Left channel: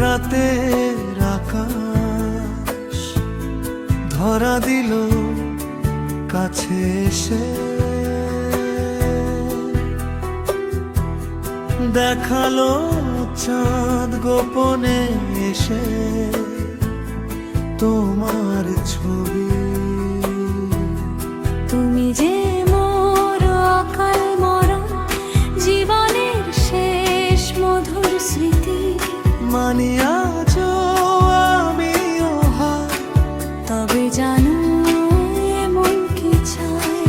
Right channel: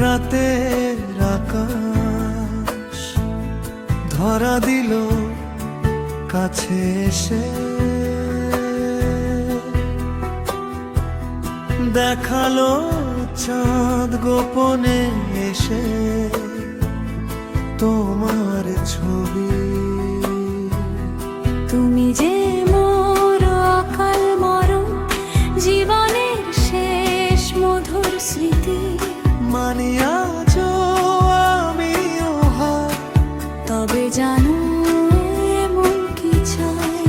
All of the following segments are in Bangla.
রাতের আকাশ ধরা দিল কাছে এসে, দেখালো চাঁদ গোপনে এসে তোমার ছবি। তুমি যে মোর অকাল মরণ, জীবনের শেষ মধুর স্মৃতি। মানিয়াছ আমিও হার, তবে জানো এমন কি চাই?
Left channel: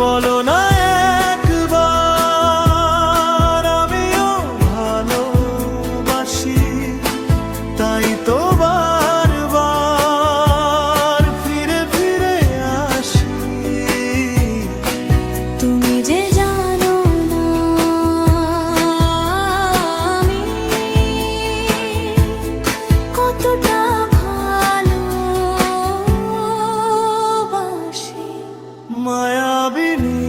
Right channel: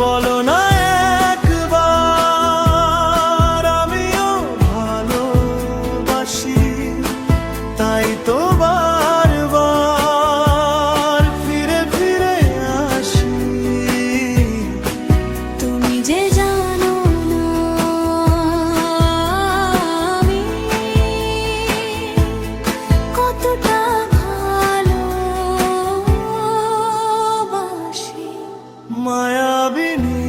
বলো না একবার আমিও ভালোবাসি, তাই তো বারবার ফিরে ফিরে আসি। তুমি যে জানো না আমি কতটা ভালোবাসি। মায়াবিনী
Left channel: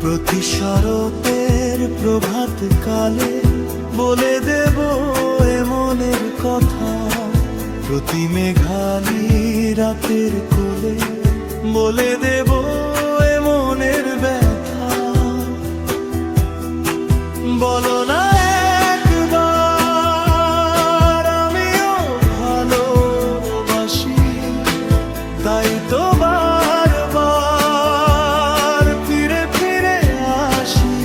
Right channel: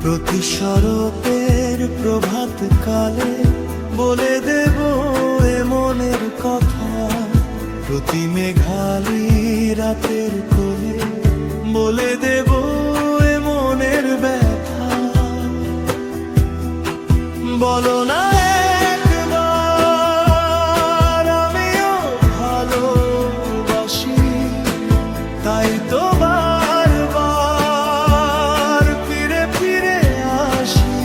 প্রতি শরতের প্রভাত কালে বলে দেব এ মনের কথা, প্রতি মেঘালি রাতের কোলে বলে দেব এ মনের ব্যথা। বলো না একবার আমিও ভালোবাসি, তাই তো বারবার ফিরে ফিরে আসি।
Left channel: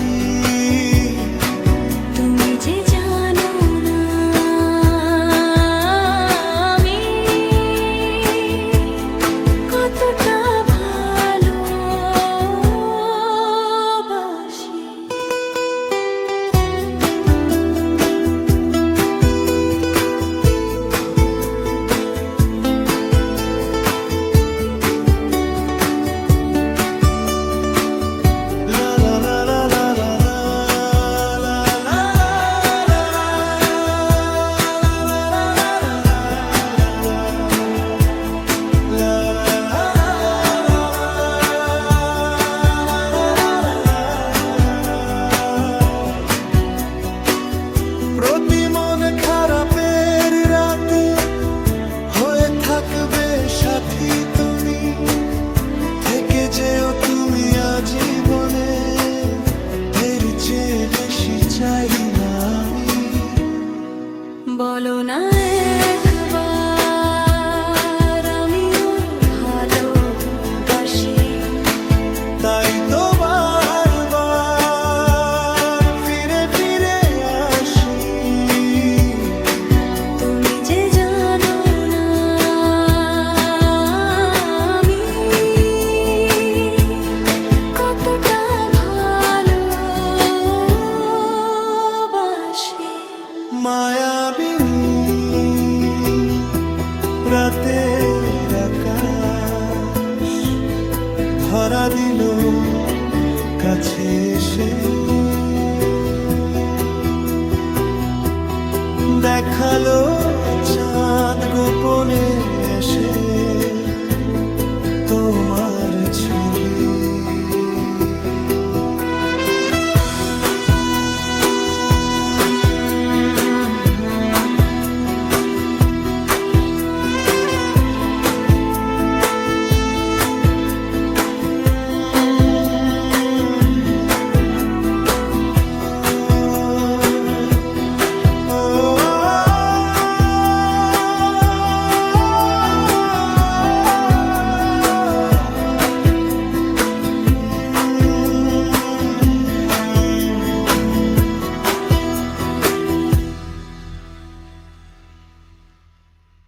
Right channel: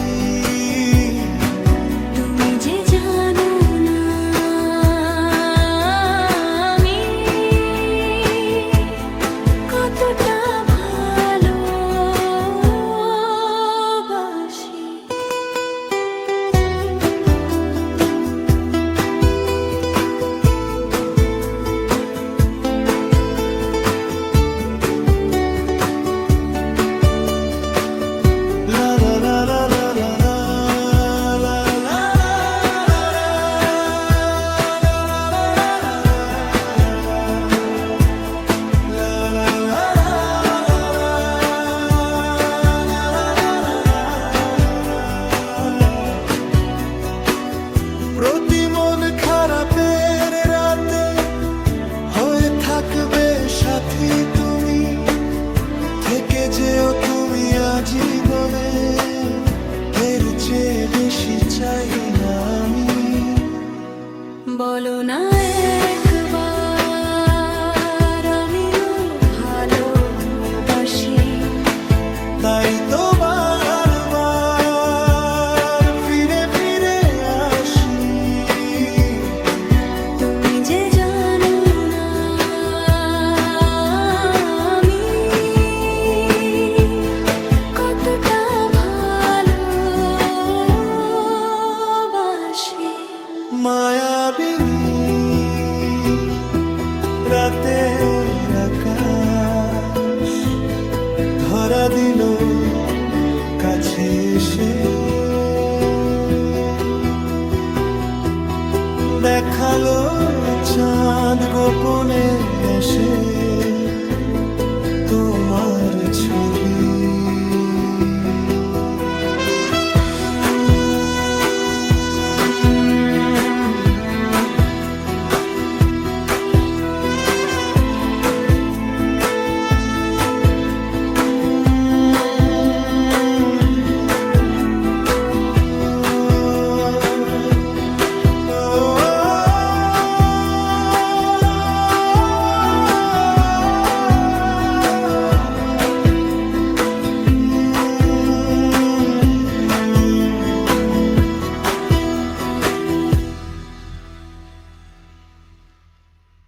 তুমি যে জানো না আমি কতটা ভালোবাসি। La la la la la la la la la প্রতি মন খারাপের রাতে হয়ে থাকবে সাথী তুমি, থেকে যেও তুমি আজীবনে, এর চেয়ে বেশি চাই না আমি। বলো না একবার আমিও ভালোবাসি, তাই তো বারবার ফিরে ফিরে আসি। তুমি যে জানো না আমি কতটা ভালোবাসি। মায়াবিনী রাতের আকাশ ধরা দিল কাছে এসে, দেখালো চাঁদ গোপনে এসে তোমার ছবি।